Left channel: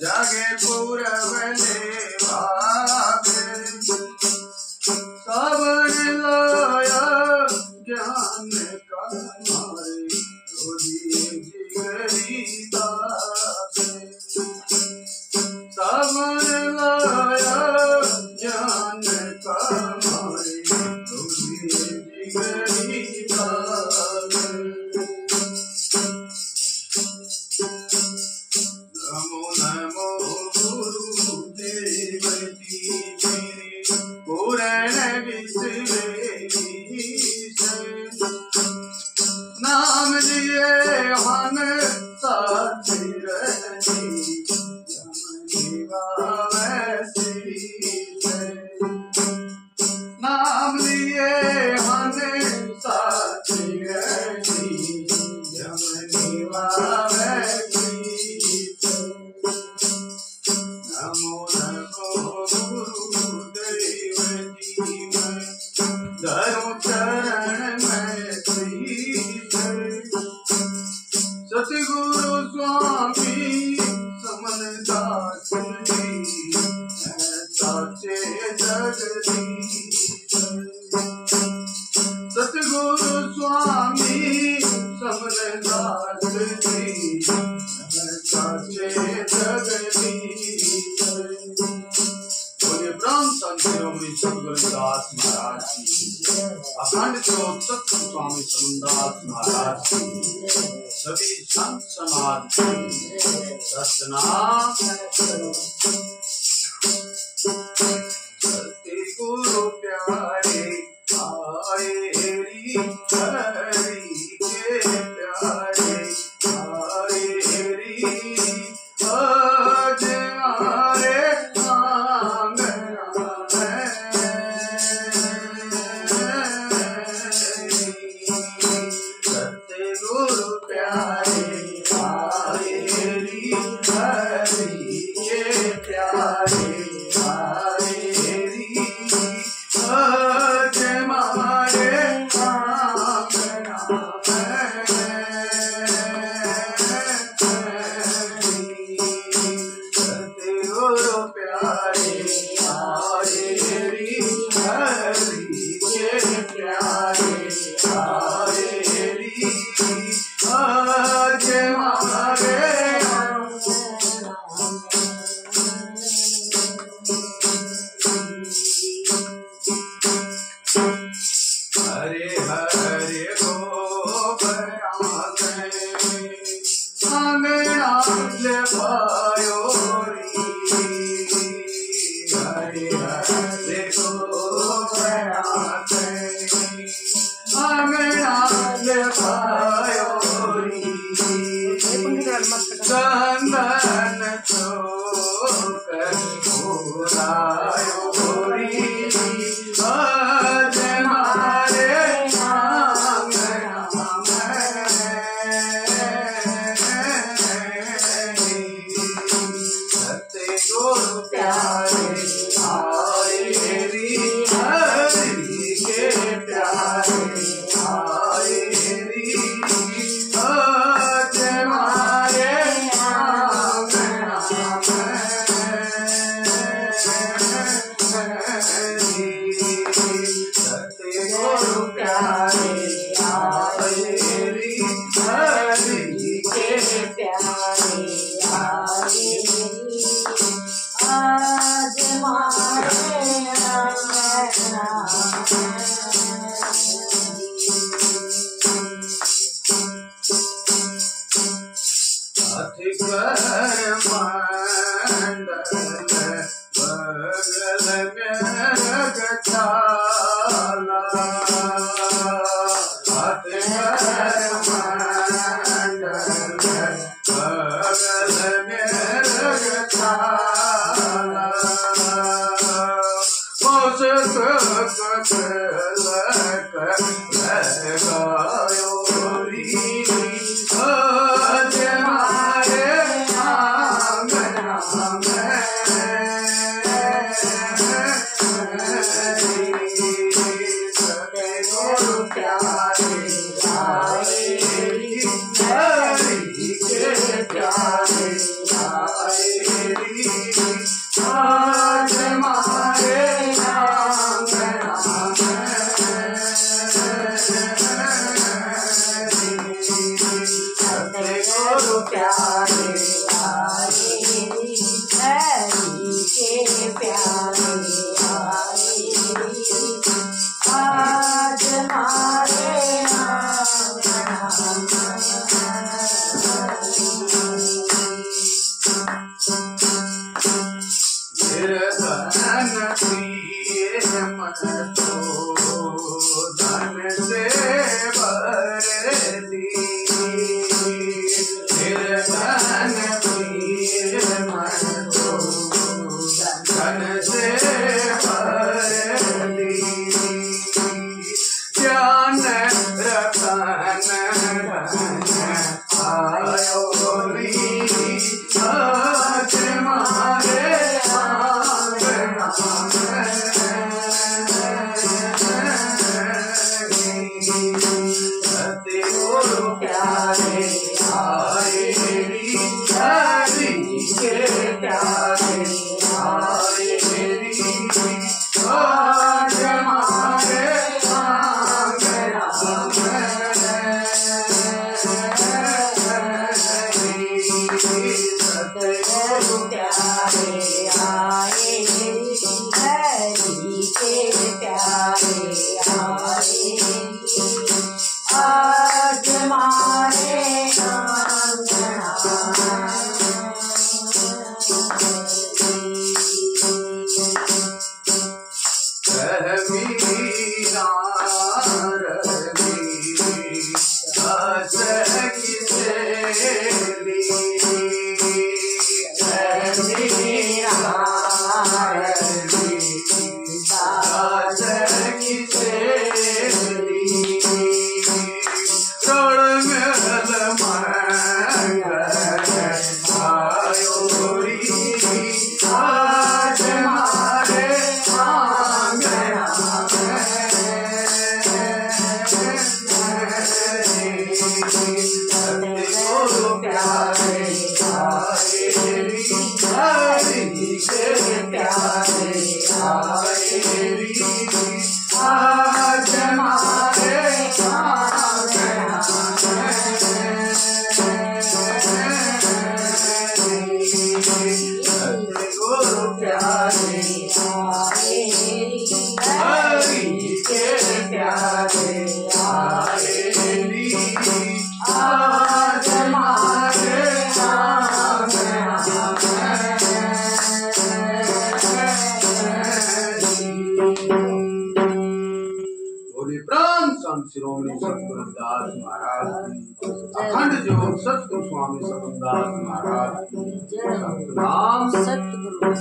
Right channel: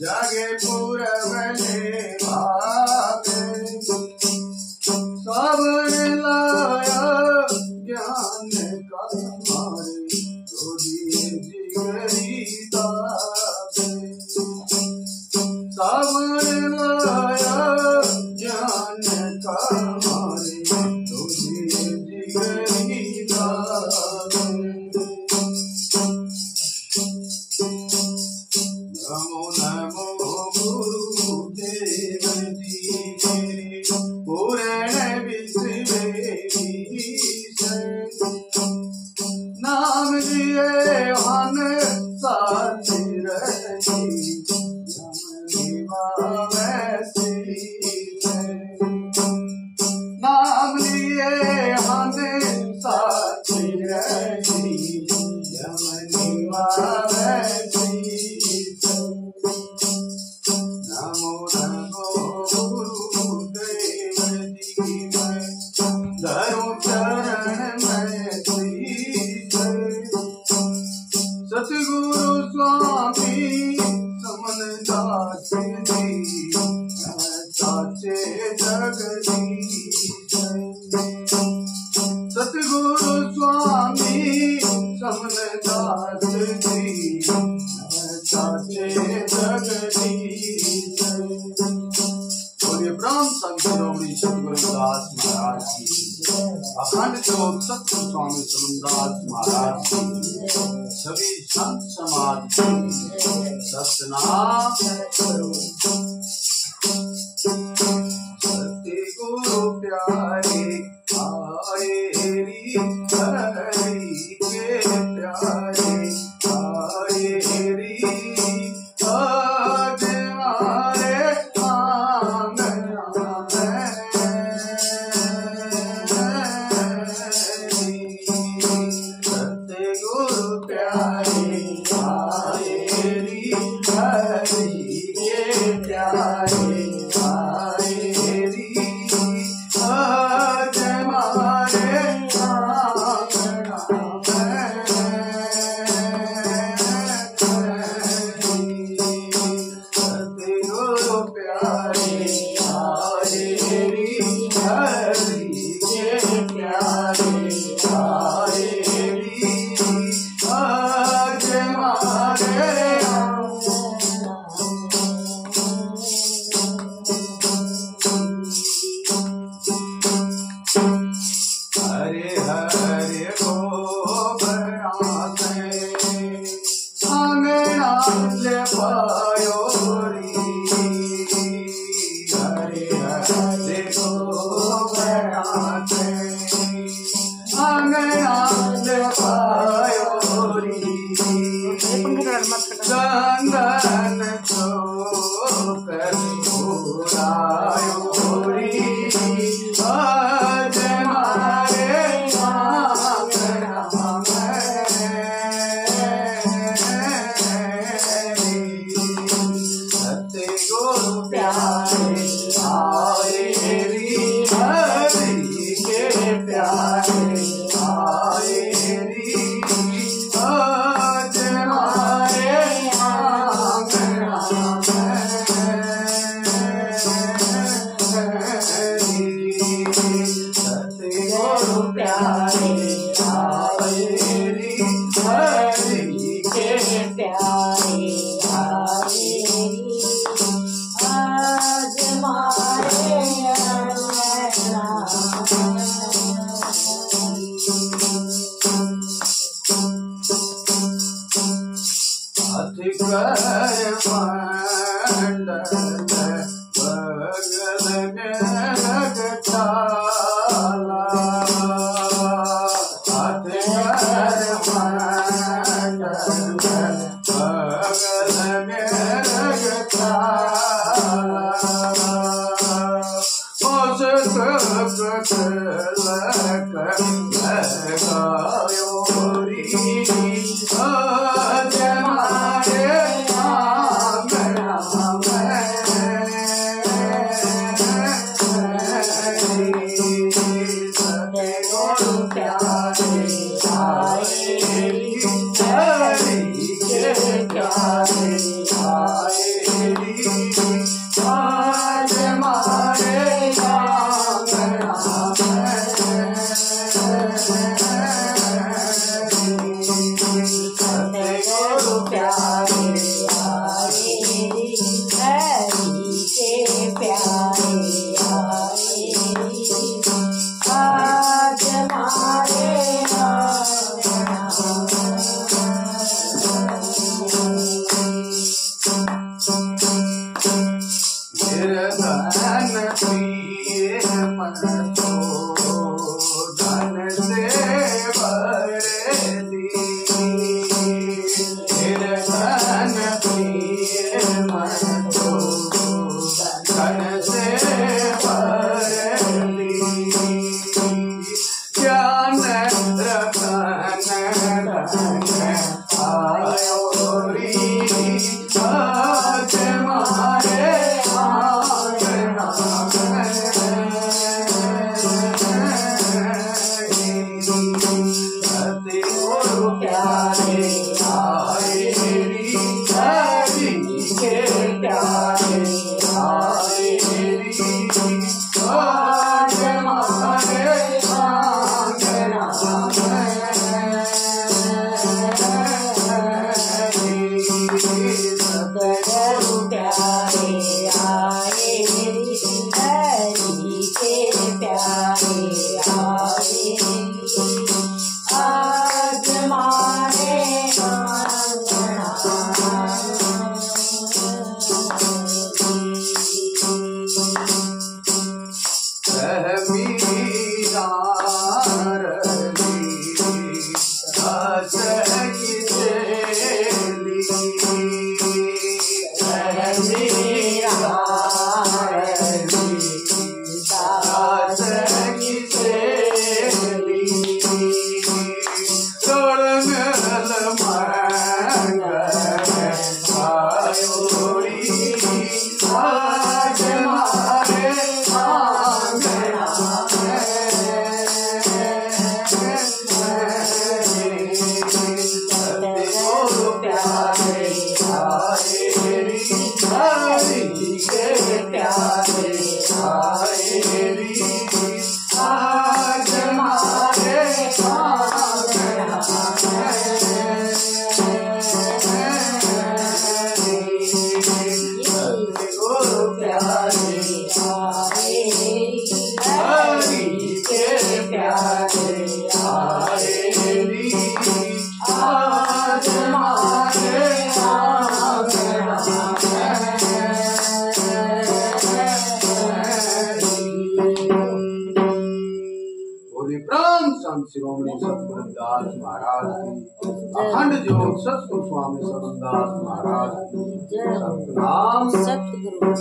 जागे पूरबले भागे सबने लाया ज्ञान का मारे रोजी जिगरी ताके सबने लाया ज्ञान का मारे रोजी जिगरी ताके नमो नमो गुरुदेव जी मेरे पूर्ण विश्वेश नाम लिए हन सातिर नाम लिए हन सातिर नमो नमो गुरुदेव जी मैं धरू चरण में शीश सतगुरु स्वामी समनदास जी साचे जगदीश सतगुरु स्वामी समनदास जी साचे जगदीश बोलिए ब्रह्म संत शिरोमणि सतगुरु दास महाराज की अखंड ज्योत सतगुरु स्वामी समनदास महाराज की सभी संत समाज की सतनाम सतगुरु प्यारे आए री हरि के प्यारे आए री आज हमारे आंगना में सतगुरु प्यारे आए री हरि के प्यारे आए री आज हमारे आंगना सतगुरु प्यारे आए री हरि के प्यारे आए री आज हमारे हरे हरे गोबरा से आंगना ले पायो री हरे हरे गोबरा से आंगना ले पायो री चंदन चौकर भोलायो री आज हमारे आंगना में सतगुरु प्यारे आए री हरि के प्यारे आए री आज हमारे आंगना में सतगुरु प्यारे आए री हरि के प्यारे आए आज हमारे आंगना हाथ कर मंडल बगल में रखताला हाथ कर मंडल बगल में रखताला लगायो री आज हमारे आंगना में सतगुरु प्यारे आए री हरि के प्यारे आए री हरि के प्यारे आए री आज हमारे गुरु प्यारे हरि के प्यारे आए री आज हमारे बोले प्राण संत शिरोमणि सतगुरु दास महाराज की अखंड जोत सतगुरु स्वामी सतदास महाराज की सतनाम सतगुरु